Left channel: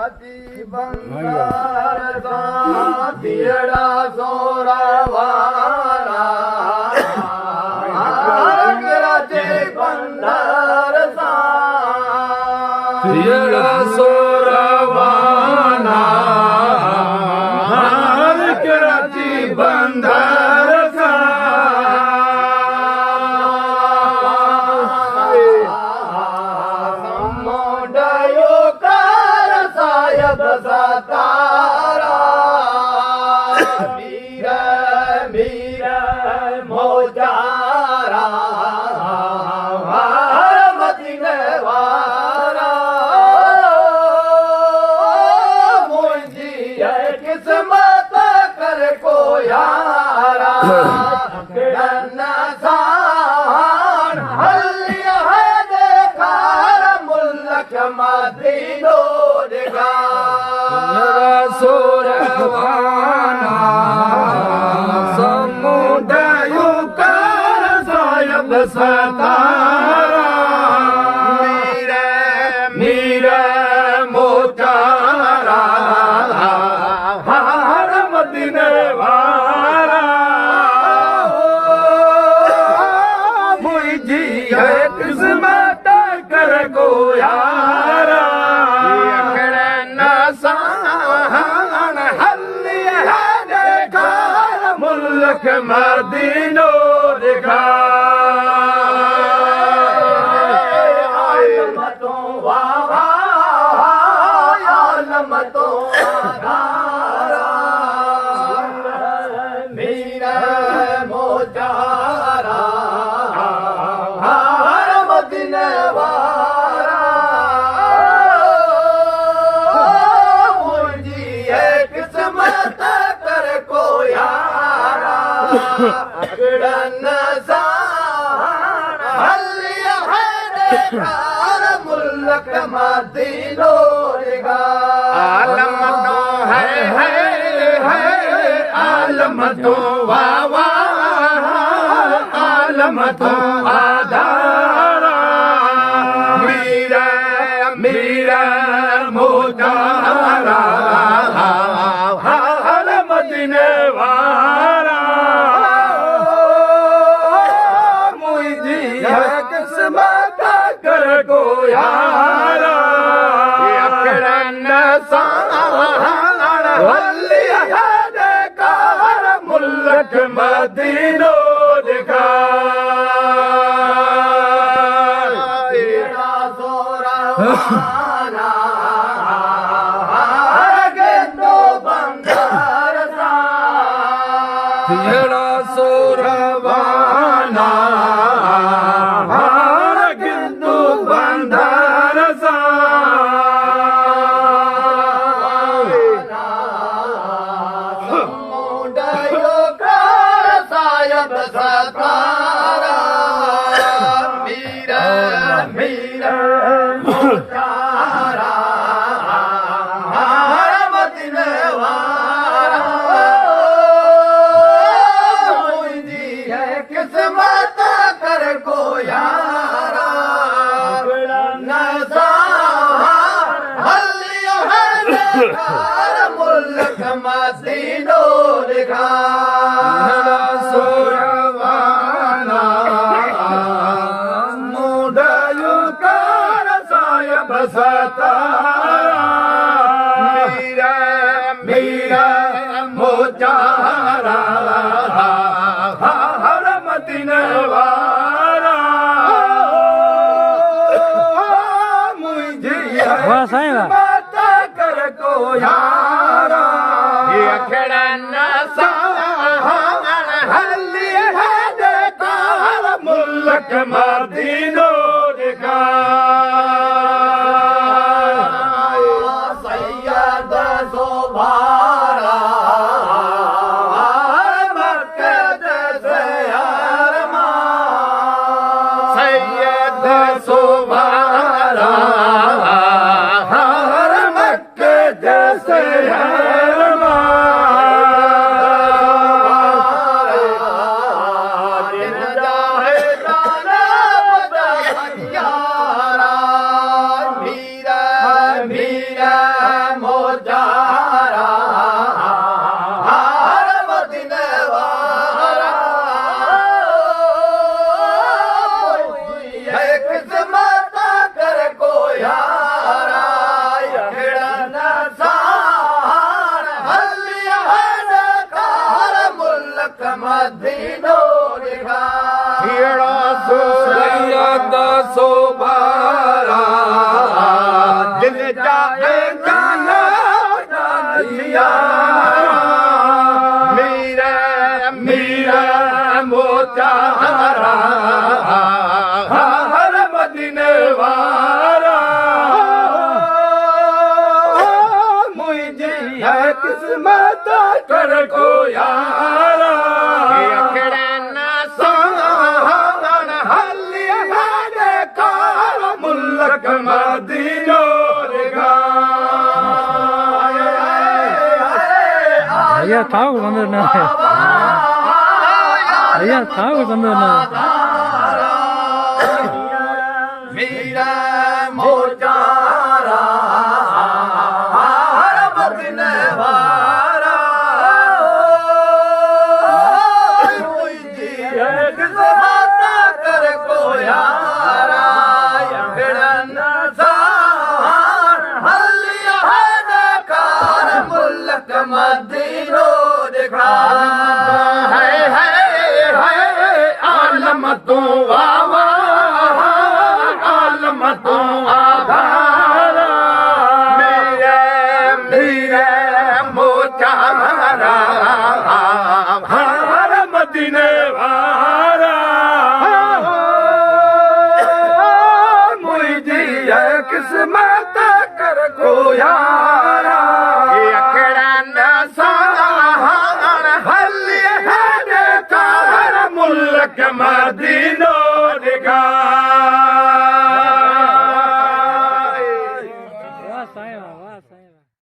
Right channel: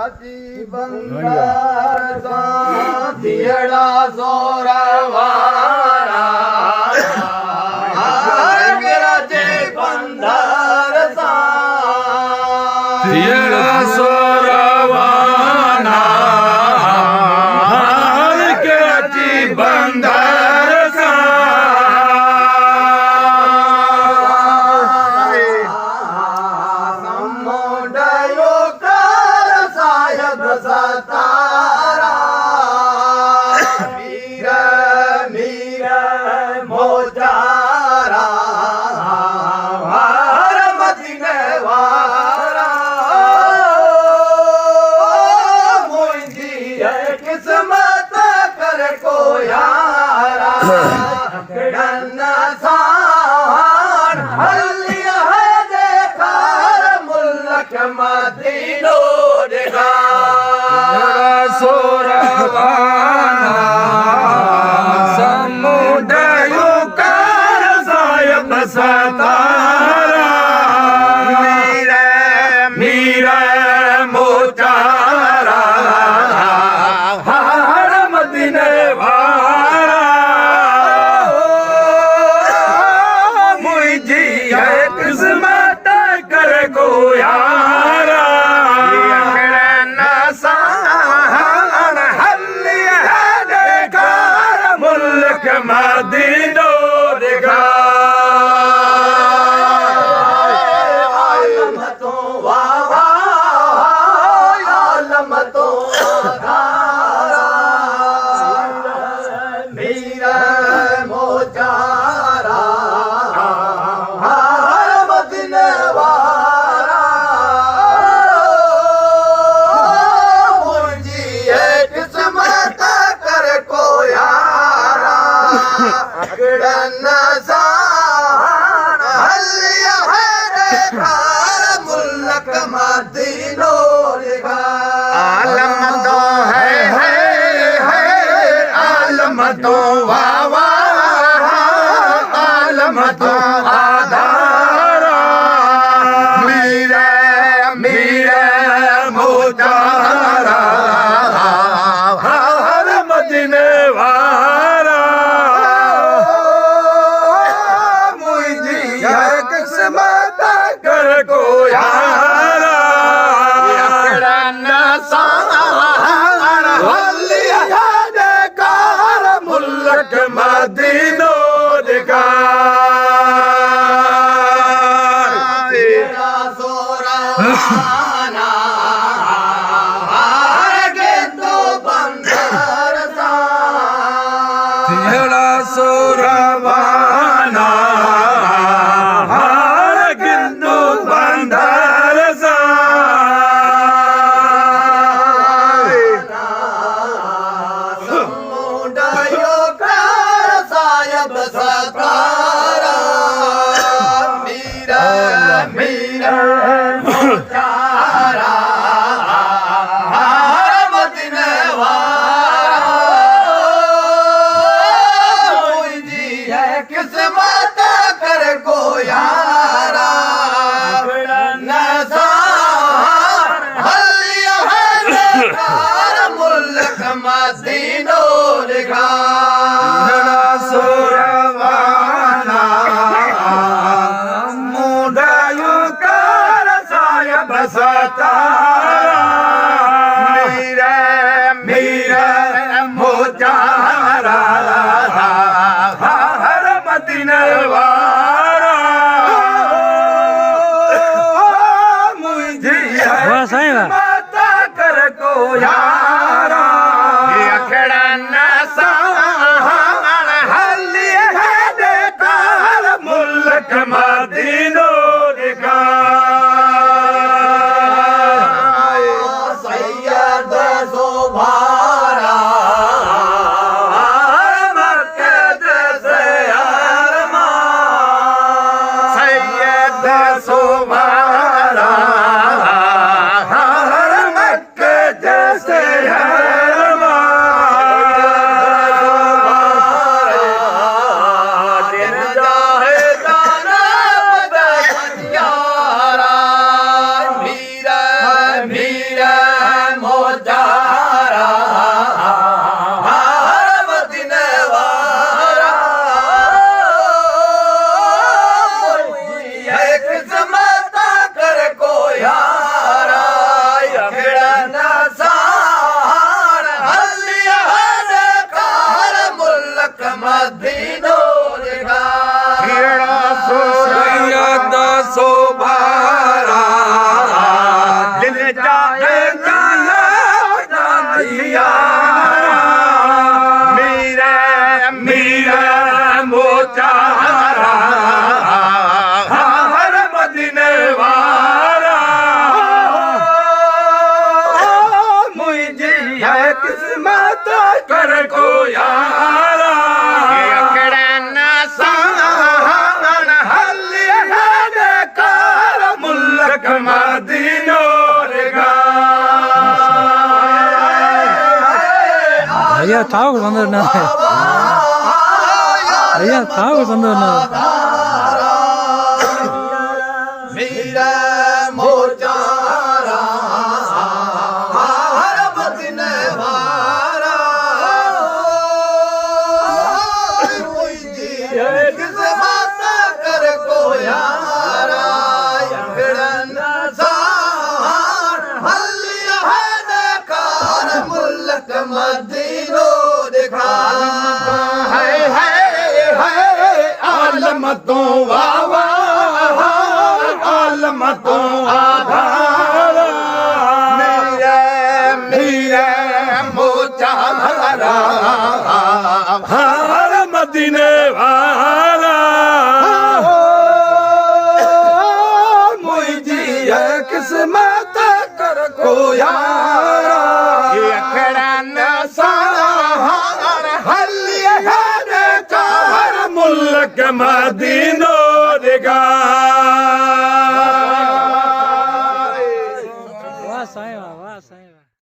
कराची बंगार सा थियड़ा सोरवाना कराची बंगार सा थियड़ा सोरवाना कराची बंदर सा समुंडयो कर सायद सतारा मीर मीर मोजारा वार मदीने वारा मुझी किस्मत कर को यारा गन्ना सान हलिया है देखा मुल्क मदीनो देखा सोरवाना समुदायो कर सायब सतारा मीरे मीरा मोचारा हार मदीने वारा मुझी है किस्मत कर को यारा मुल्क मदीनो देखा आलम तो वावा आलम तो धारा मीरा मोचारा हार मदीने वारा मुझी एक किस्मत कर को यारा गन्ना सान हलिया है देखा मुल्क मदीनो देखा आलम तो है आलम तो वावा आलम तो आधारा मीरा मीरा मोतारा हर मदीने वारा मुझी है किस्मत कर को यारा मुल्क मदीनो देखा तेरा सोरवाना आगे तो बंदर सा तेरा सोरवाना हार किंतु बंदर सा समुंडयो कर सायब सतारा मीरा मीरा मोचारा हार मदीने वारा मुझी है किस्मत कर को यारा नज़ार हलिया है देखा मुल्क मदीनो देखा तेरा सोरवाना मुंडायु कर सायब सतारा मीरा मीरा मोचारा हर मदीने वारा मुझे माता कर को यारा अखड़ा हली है देखा मुल्क मदीनो देखा सैयद ज़ुबारा मक्के जैसे अरमान सैयद सुमारा हर मक्के जैसे मेरे जाए जाने दिया मेरे मोचारा हर मदीने वाला मुझे है किस्मत कर को यारा मुल्क मदीनो भैया था को संदर ना भैया था को संदर ना मेरा मोचारा हर मदीने वाला मुझे किस्मत कर को यारा यंगड़न सार हलिया है देखार मुल्क मदीनो देखा आलम तो वावा आलम तो आधारा मेरे मोचारा हर मदीने वाला मुझे है किस्मत कर को यारा अखड़ा नसार हलिया है चार मुल्क मदीना